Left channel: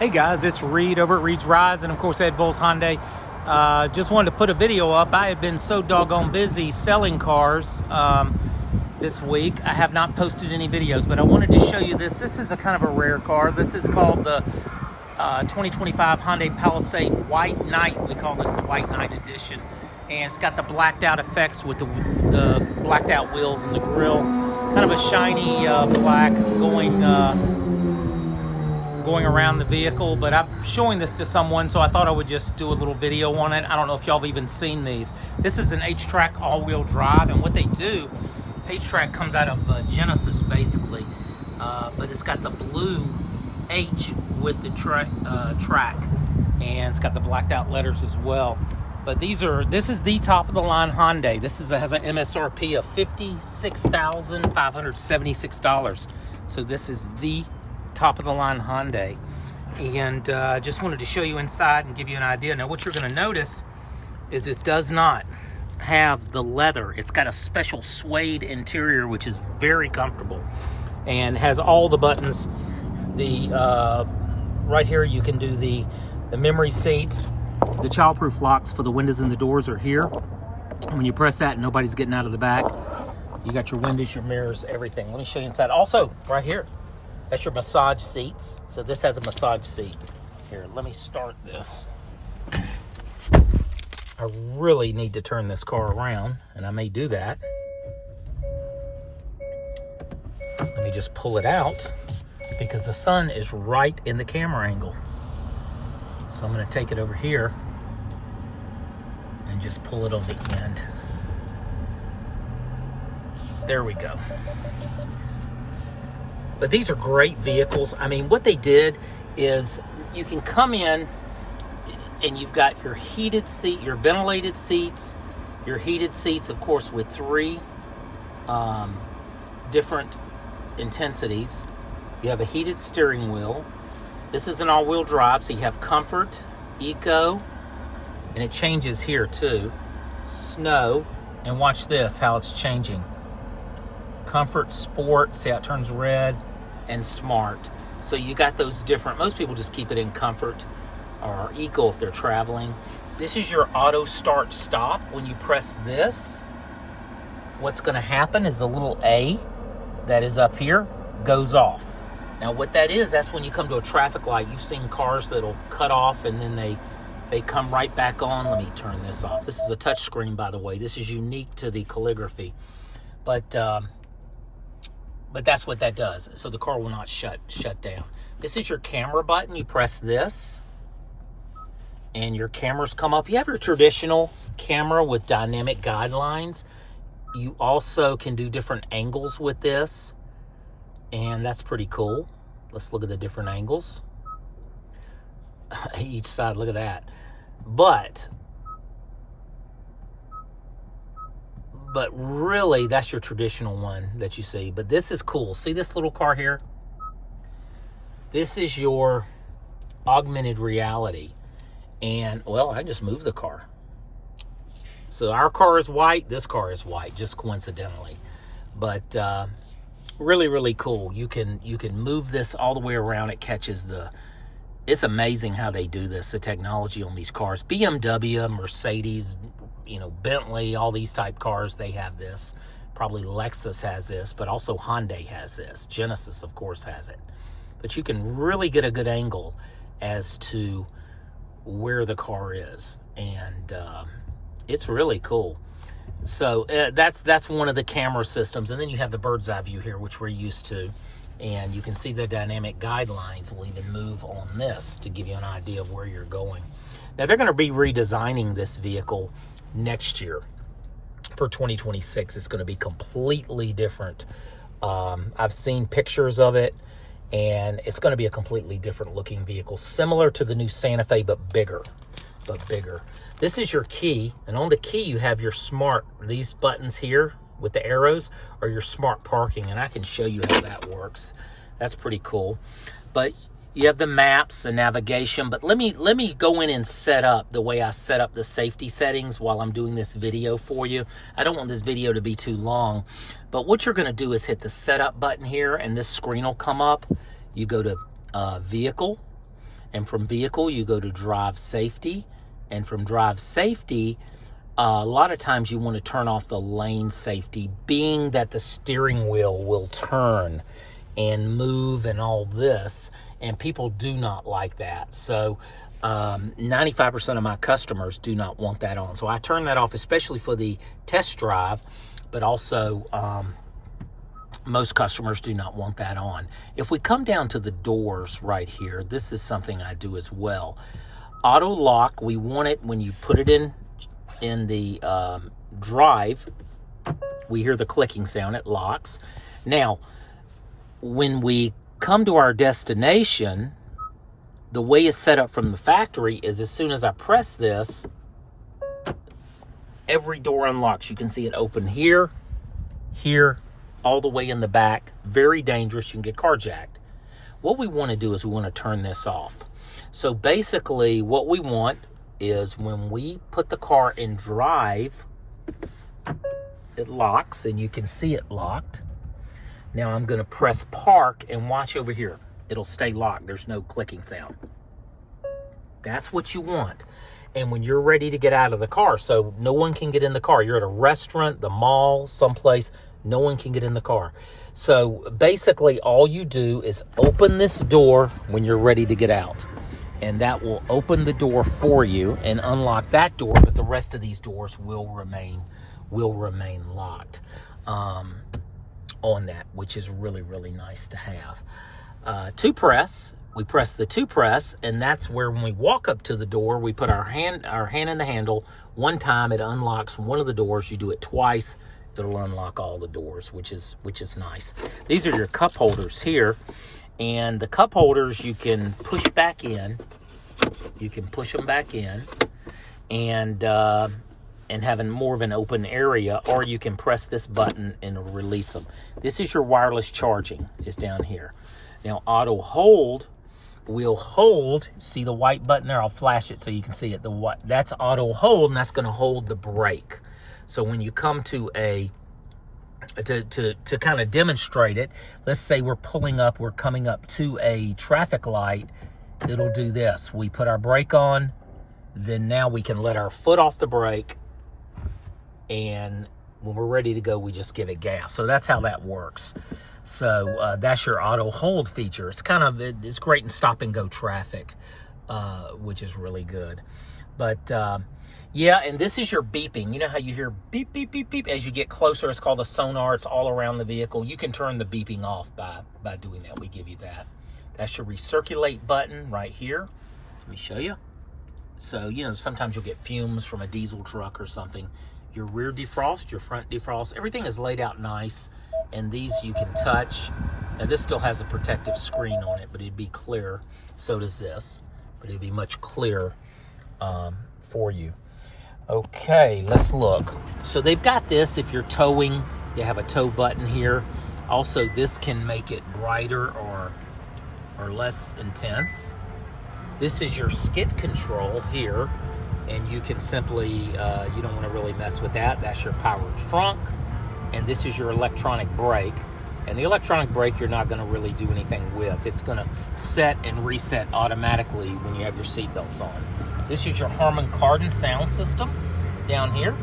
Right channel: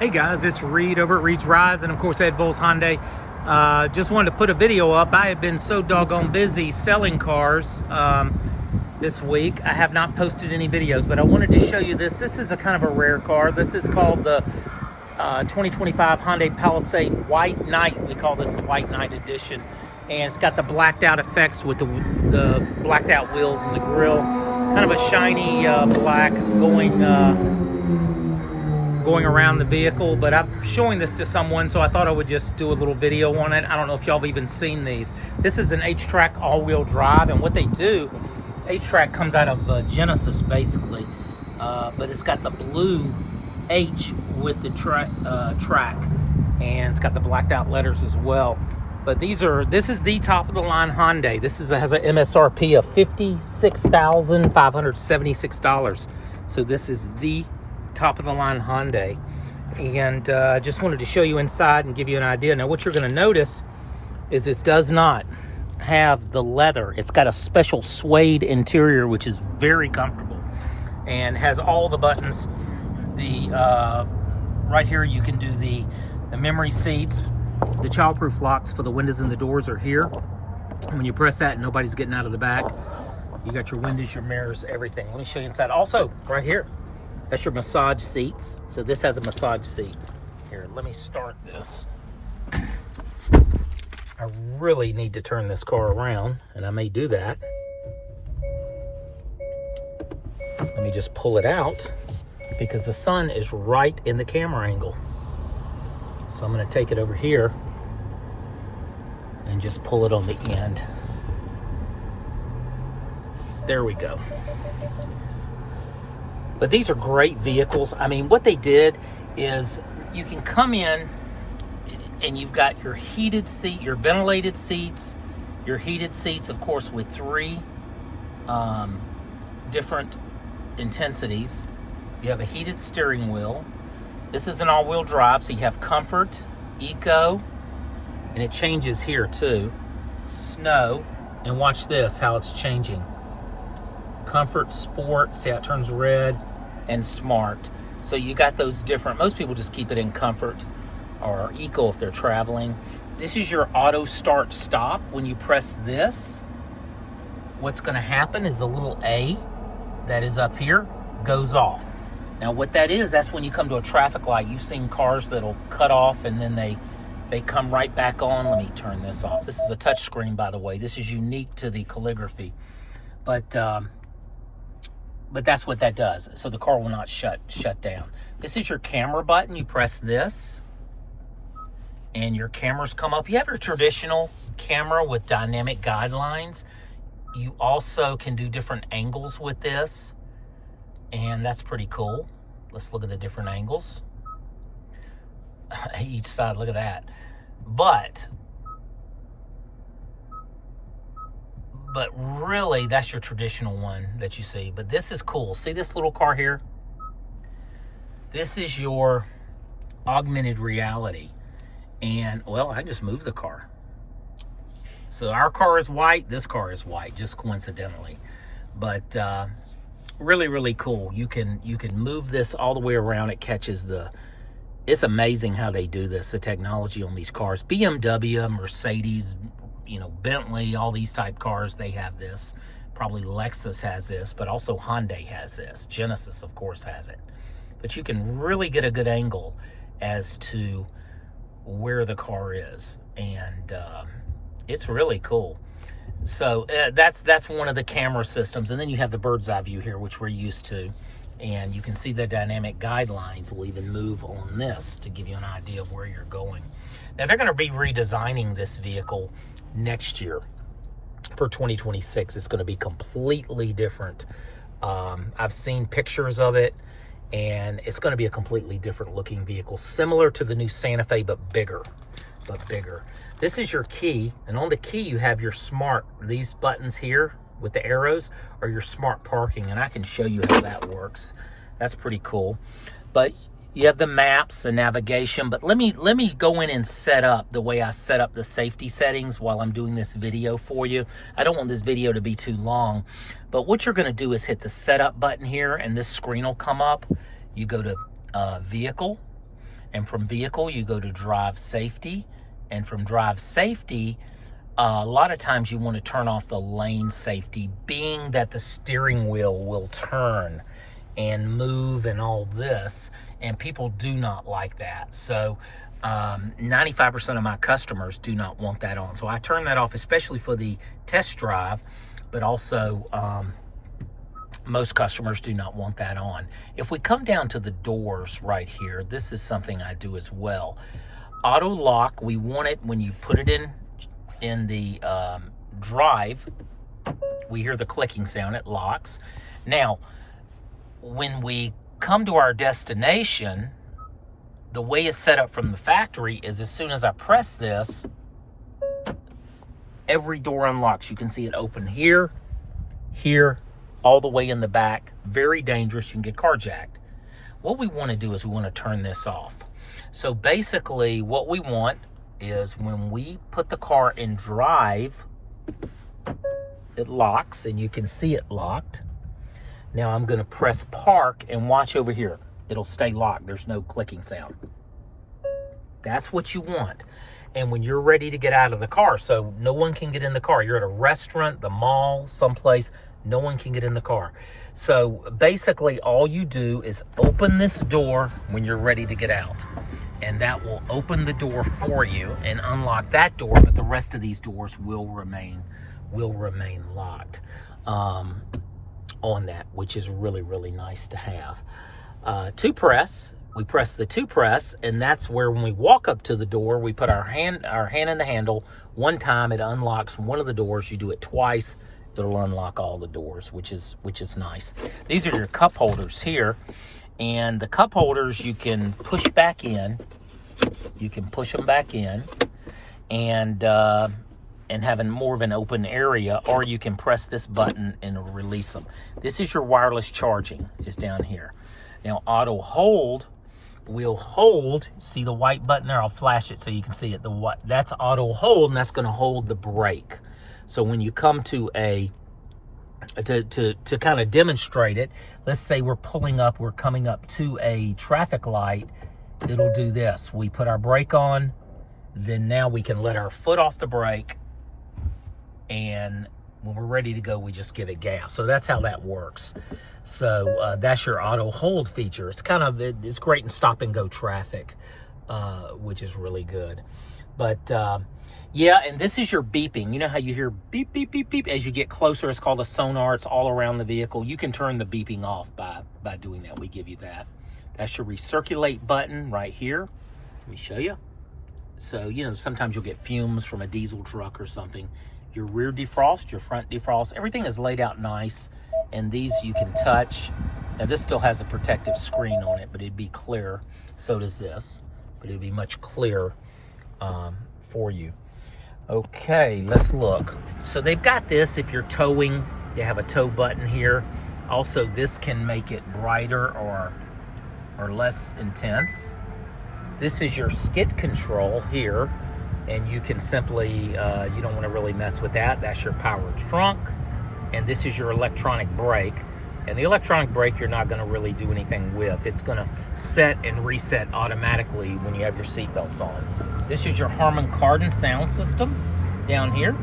Hey guys, it's Reed over at Reed's Rise, and of course Ed Volz Hyundai. Just wanted to put a video up. I have been so doggone busy selling cars this week. I have not posted any videos, but I wanted to show you this. This is a kind of a rare car. This is called the 2025 Hyundai Palisade White Night. We call this the White Night Edition. And it's got the blacked out effects with the blacked out wheels and the grille. Kind of a shiny black going around the vehicle, but I'm showing this to someone, so I thought I would just do a little video on it. I don't know if y'all have even seen these. This is an H-Track all-wheel drive, and what they do, H-Track comes out of Genesis basically, but it's got the blue H with the track, and it's got the blacked out letters as well. But this is the top of the line Hyundai. This has an MSRP of $56,576. So this is the top of the line Hyundai, and just wanted to show you inside and give you an idea. Now what you're going to notice is this does not have the leather. It's got a special suede interior, which is very comfortable and has all the buttons. Right here you can do the memory seats. The childproof locks for the windows and the doors are here. And when you press that, nobody's getting out of the back. You got your windows, your mirrors, everything. Let me show you inside. Also right here, that's your massage seats. So this has a massage seat. Here, let me start this. I really need to turn this car around, and I may do that. Let me just pull it out because the sun is right in the camera angle. So I'm gonna take it over here and just pull it on the end. There we go. But these are great vehicles. I mean, what they did is you can come in and you've got your heated seat, your ventilated seats, your heated seats, of course, with three different intensities. You have a heated steering wheel. This is an all-wheel drive, so you have comfort, eco, and it changes here too. Snow, and watch this, how it's changing. Comfort, sport, see how it turns red, and smart. So you got those different, most people just keep it in comfort or eco if they're traveling. This is your auto start stop. When you press this, what's gonna happen is the little A that is up here goes off. Now what that is, that's when you come to a traffic light. You've seen cars that'll cut off and then they come right back on. Let me turn this off. This is a touch screen, by the way. This is unique to the calligraphy. But that's what that does. So the car will not shut down. This is your camera button. You press this and your cameras come up. You have your traditional camera with dynamic guidelines. You also can do different angles with this, and that's pretty cool. Let's look at the different angles. Each side, look at that. But really, that's your traditional one that you see. But this is cool. See this little car here? This is your augmented reality. And, well, I just moved the car. So our car is white. This car is white, just coincidentally. But really, really cool. You can move this all the way around. It catches it's amazing how they do this, the technology on these cars. BMW, Mercedes, Bentley, all these type cars, they have this. Probably Lexus has this, but also Hyundai has this. Genesis, of course, has it. But you can really get a good angle as to where the car is, and it's really cool. So that's one of the camera systems, and then you have the bird's eye view here, which we're used to, and you can see the dynamic guidelines will even move on this to give you an idea of where you're going. Now they're going to be redesigning this vehicle next year for 2026. It's going to be completely different. I've seen pictures of it, and it's going to be a completely different looking vehicle, similar to the new Santa Fe, but bigger. This is your key, and on the key you have your smart, these buttons here with the arrows are your smart parking, and I can show you how that works. That's pretty cool. But you have the maps and navigation, but let me go in and set up the way I set up the safety settings while I'm doing this video for you. I don't want this video to be too long, but what you're gonna do is hit the setup button here, and this screen will come up. You go to vehicle, And from vehicle, you go to drive safety. And from drive safety, a lot of times you want to turn off the lane safety, being that the steering wheel will turn and move and all this, and people do not like that. So 95% of my customers do not want that on. So I turn that off, especially for the test drive, but also most customers do not want that on. If we come down to the doors right here, this is something I do as well. Auto lock, we want it when you put it in the drive, we hear the clicking sound, it locks. Now, when we come to our destination, the way it's set up from the factory is as soon as I press this, every door unlocks. You can see it open here, here, all the way in the back. Very dangerous, you can get carjacked. What we want to do is we want to turn this off. So basically what we want is when we put the car in drive, it locks, and you can see it locked. Now I'm going to press park and watch over here. It'll stay locked. There's no clicking sound. That's what you want. And when you're ready to get out of the car, so no one can get in the car. You're at a restaurant, the mall, someplace, no one can get in the car. So basically all you do is open this door when you're ready to get out. And that will open the door for you and unlock that door, but the rest of these doors will remain locked on that, which is really, really nice to have. To press, we press the to press, and that's where when we walk up to the door, we put our hand in the handle. One time it unlocks one of the doors. You do it twice, it'll unlock all the doors, which is nice. These are your cup holders here, and the cup holders you can push back in. You can push them back in, and having more of an open area, or you can press this button and release them. This is your wireless charging, is down here. Now auto hold will hold, see the white button there? I'll flash it so you can see it. That's auto hold, and that's going to hold the brake. So when you come to to kind of demonstrate it, let's say we're coming up to a traffic light, it'll do this. We put our brake on, then now we can let our foot off the brake, and when we're ready to go, we just give it gas. So that's how that works. So that's your auto hold feature. It's great in stop and go traffic, which is really good. But yeah, and this is your beeping. You know how you hear beep, beep, beep, beep as you get closer? It's called a sonar. It's all around the vehicle. You can turn the beeping off by doing that. We give you that. That's your recirculate button right here. Let me show you. So, you know, sometimes you'll get fumes from a diesel truck or something. Your rear defrost, your front defrost, everything is laid out nice. And these you can touch. Now this still has a protective screen on it, but it'd be clear. So does this, but it'd be much clearer for you. Okay, let's look. So they've got this, if you're towing, they have a tow button here. Also, this can make it brighter or less intense. This is your skid control here, and you can simply, you don't want to really mess with that. That's your power trunk, and this is your electronic brake. And the electronic brake you're not going to really do anything with. It's going to set and reset automatically when you have your seatbelts on. This is your Harman Kardon sound system down here,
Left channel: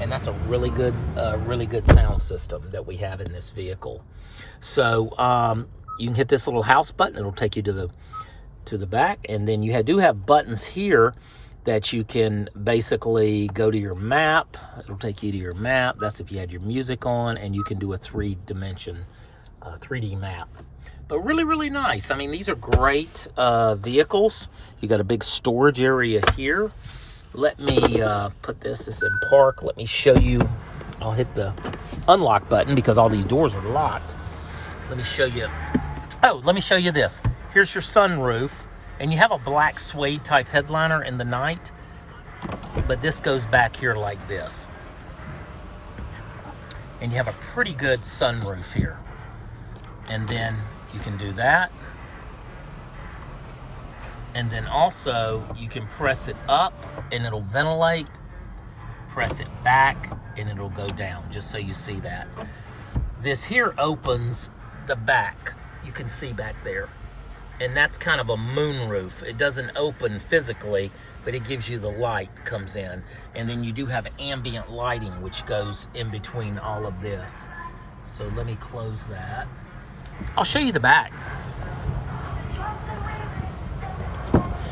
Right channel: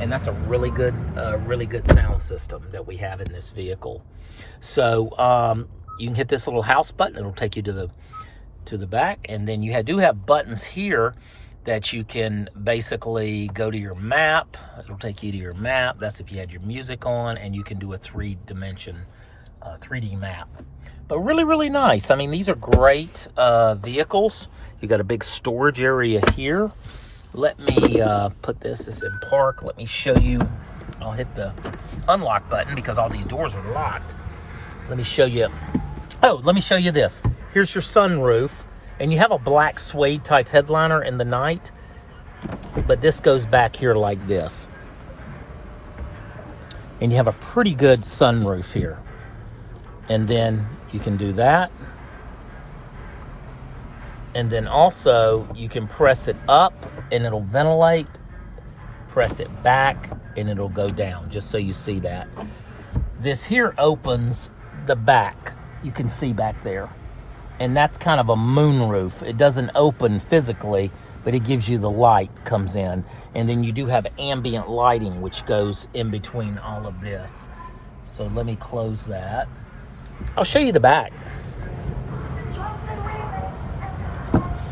and that's a really good sound system that we have in this vehicle. So you can hit this little house button. It'll take you to the back, and then you do have buttons here that you can basically go to your map. It'll take you to your map. That's if you had your music on, and you can do a 3D map. But really, really nice. I mean, these are great vehicles. You got a big storage area here. Let me put this in park. Let me show you. I'll hit the unlock button because all these doors are locked. Let me show you. Oh, let me show you this. Here's your sunroof. And you have a black suede type headliner in the night, but this goes back here like this. And you have a pretty good sunroof here. And then you can do that. And then also you can press it up and it'll ventilate, press it back and it'll go down, just so you see that. This here opens the back. You can see back there. and that's kind of a moonroof. It doesn't open physically, but it gives you the light comes in. And then you do have ambient lighting, which goes in between all of this. So let me close that. I'll show you the back.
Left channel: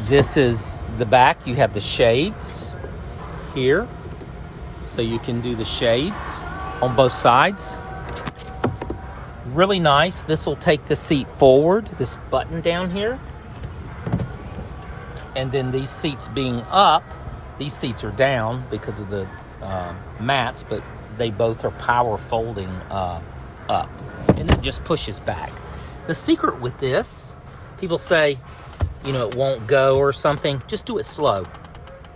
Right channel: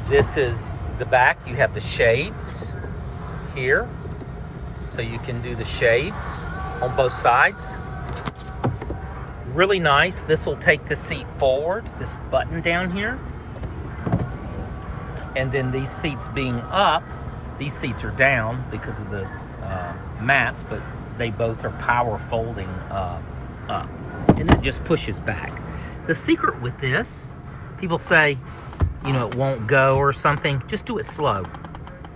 This is the back. You have the shades here, so you can do the shades on both sides. Really nice. This will take the seat forward, this button down here. And then these seats being up, these seats are down because of the mats, but they both are power folding up. And it just pushes back. The secret with this, people say, you know, it won't go or something. Just do it slow.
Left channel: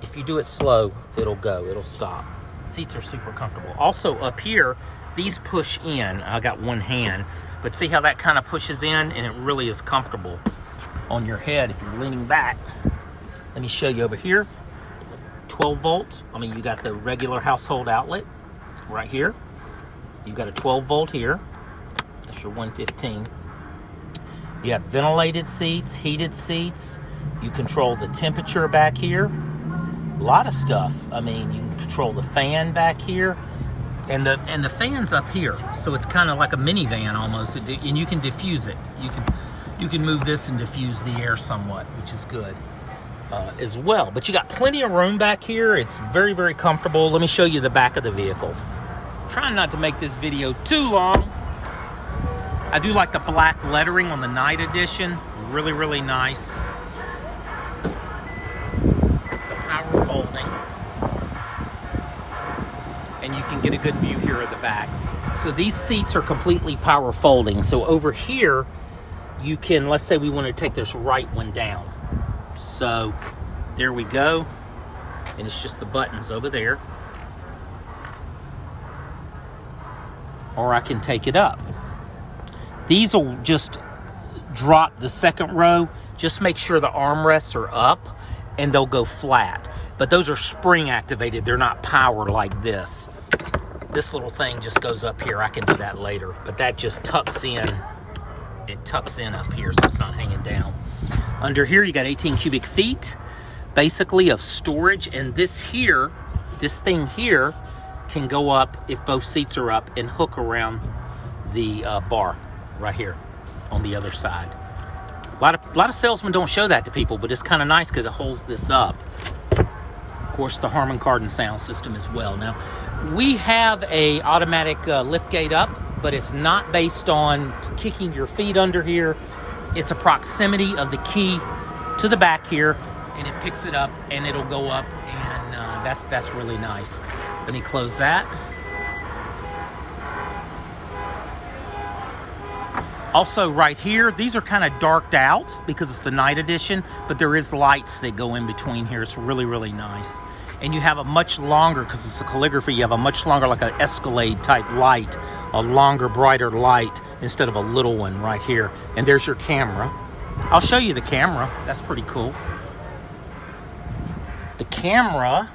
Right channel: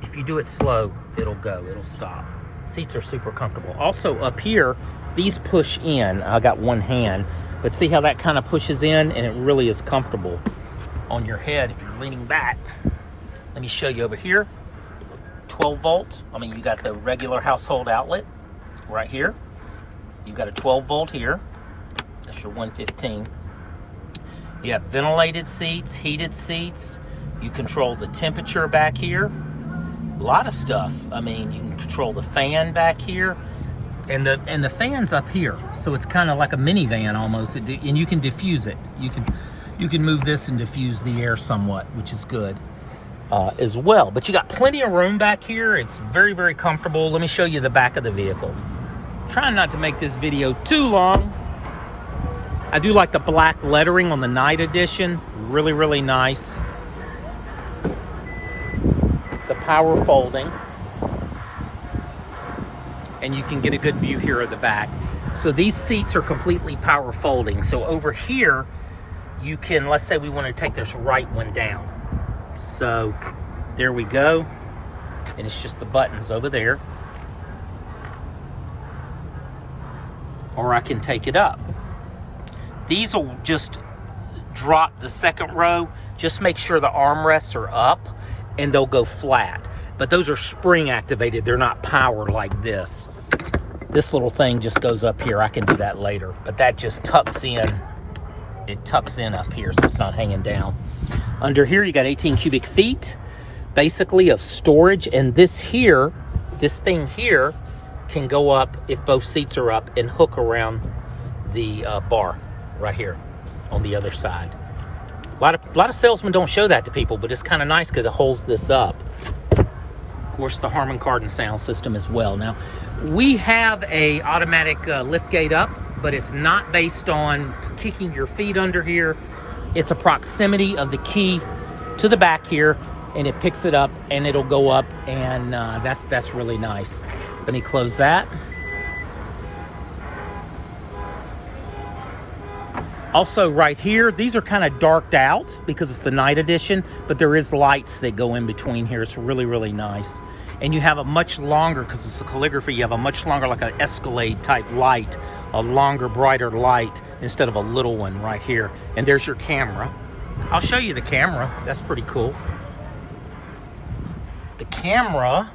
If you do it slow, it'll go, it'll stop. Seats are super comfortable. Also up here, these push in. I got one hand, but see how that kind of pushes in, and it really is comfortable on your head if you're leaning back. Let me show you over here. 12 volts. I mean, you got the regular household outlet right here. You've got a 12 volt here. That's your 115. You have ventilated seats, heated seats. You control the temperature back here. A lot of stuff. I mean, you can control the fan back here, and the fan's up here. So it's kind of like a minivan almost, and you can diffuse it. You can move this and diffuse the air somewhat, which is good as well. But you got plenty of room back here. It's very, very comfortable. Let me show you the back of the vehicle. Trying not to make this video too long. I do like the black lettering on the night edition. Really, really nice. It's a power folding. And you can get a good view here of the back. So these seats are completely power folding. So over here, you can, let's say we want to take this right one down. So there we go. And it's just the buttons over there. Or I can take it up. These will just drop the second row. Just make sure the armrests are up and they'll go flat. But those are spring activated. They're not powered like this. This little thing just goes up here. I can do that later. But that just tucks in. It tucks in up here so it's not hanging down. Under here you got 18 cubic feet basically of storage. And this here, this thing here can go up if both seats are up and hook around the bar. Right here on the other side. A lot of salesmen don't show that to people, but it's kind of nice because it holds this up. Of course, the Harman Kardon sound system as well. Now, we have a automatic lift gate up, but it's not based on kicking your feet under here. It's a proximity of the key to the back here, and it picks it up and it'll go up, and that's really nice. Let me close that. Also right here, these are kind of darked out because it's the night edition, but there is lights that go in between here. It's really, really nice. And you have a much longer, because it's a calligraphy, you have a much longer, like an Escalade type light, a longer, brighter light instead of a little one right here. And there's your camera. I'll show you the camera. That's pretty cool. The camera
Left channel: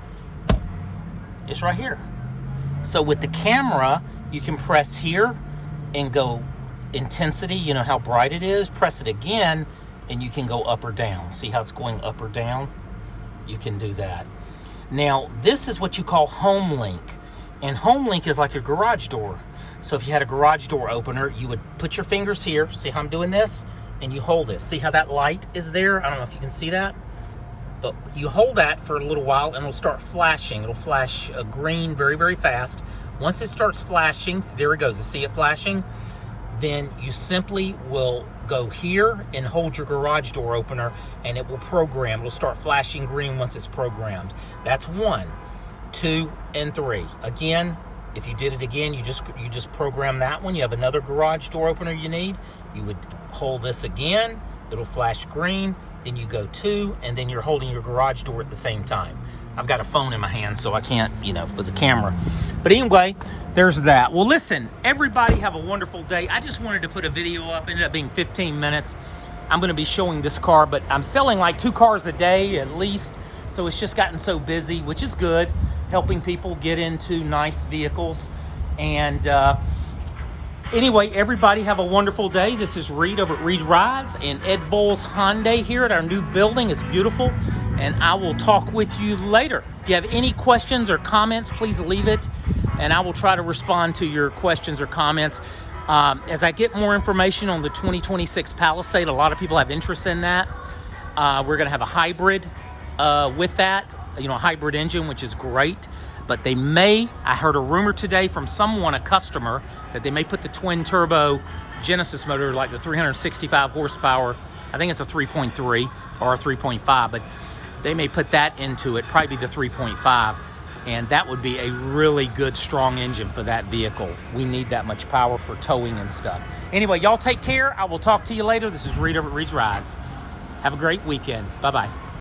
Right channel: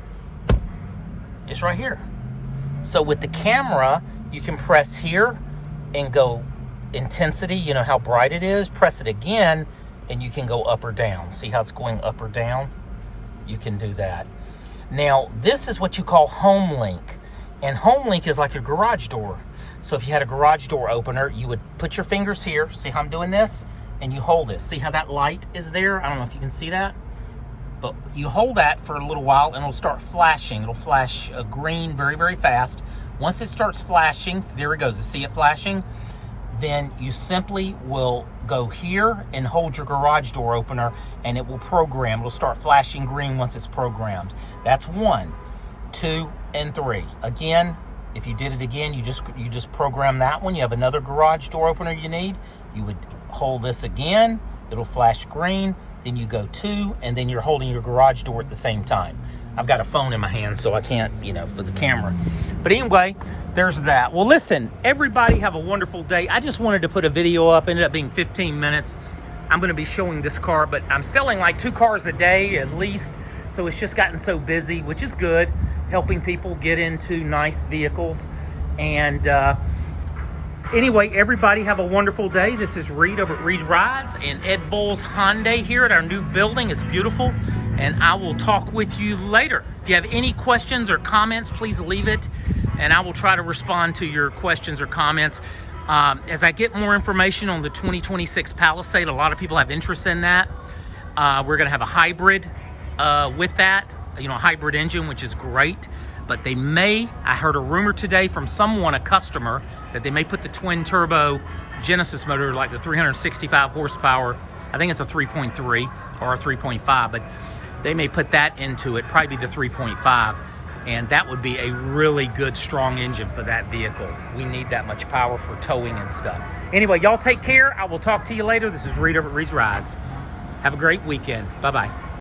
is right here. So with the camera, you can press here and go intensity, you know how bright it is. Press it again and you can go up or down. See how it's going up or down? You can do that. Now this is what you call home link, and home link is like your garage door. So if you had a garage door opener, you would put your fingers here. See how I'm doing this? And you hold this. See how that light is there? I don't know if you can see that, but you hold that for a little while and it'll start flashing. It'll flash green very, very fast. Once it starts flashing, there it goes. You see it flashing? Then you simply will go here and hold your garage door opener and it will program. It'll start flashing green once it's programmed. That's 1, 2, and 3. Again, if you did it again, you just program that one. You have another garage door opener you need. You would hold this again. It'll flash green. Then you go 2, and then you're holding your garage door at the same time. I've got a phone in my hand, so I can't, for the camera. But anyway, there's that. Well, listen, everybody have a wonderful day. I just wanted to put a video up. It ended up being 15 minutes. I'm going to be showing this car, but I'm selling like 2 cars a day at least. So it's just gotten so busy, which is good, helping people get into nice vehicles. And Anyway, everybody have a wonderful day. This is Reed over at Reed Rides and Ed Bowles Hyundai here at our new building. It's beautiful, and I will talk with you later. If you have any questions or comments, please leave it, and I will try to respond to your questions or comments. As I get more information on the 2026 Palisade, a lot of people have interest in that. We're going to have a hybrid with that, a hybrid engine, which is great. But they may, I heard a rumor today from someone, a customer, that they may put the twin turbo Genesis motor, like the 365 horsepower. I think it's a 3.3 or a 3.5, but they may put that into it, probably the 3.5. And that would be a really good, strong engine for that vehicle. We need that much power for towing and stuff. Anyway, y'all take care. I will talk to you later. This is Reed over at Reed's Rides. Have a great weekend. Bye-bye.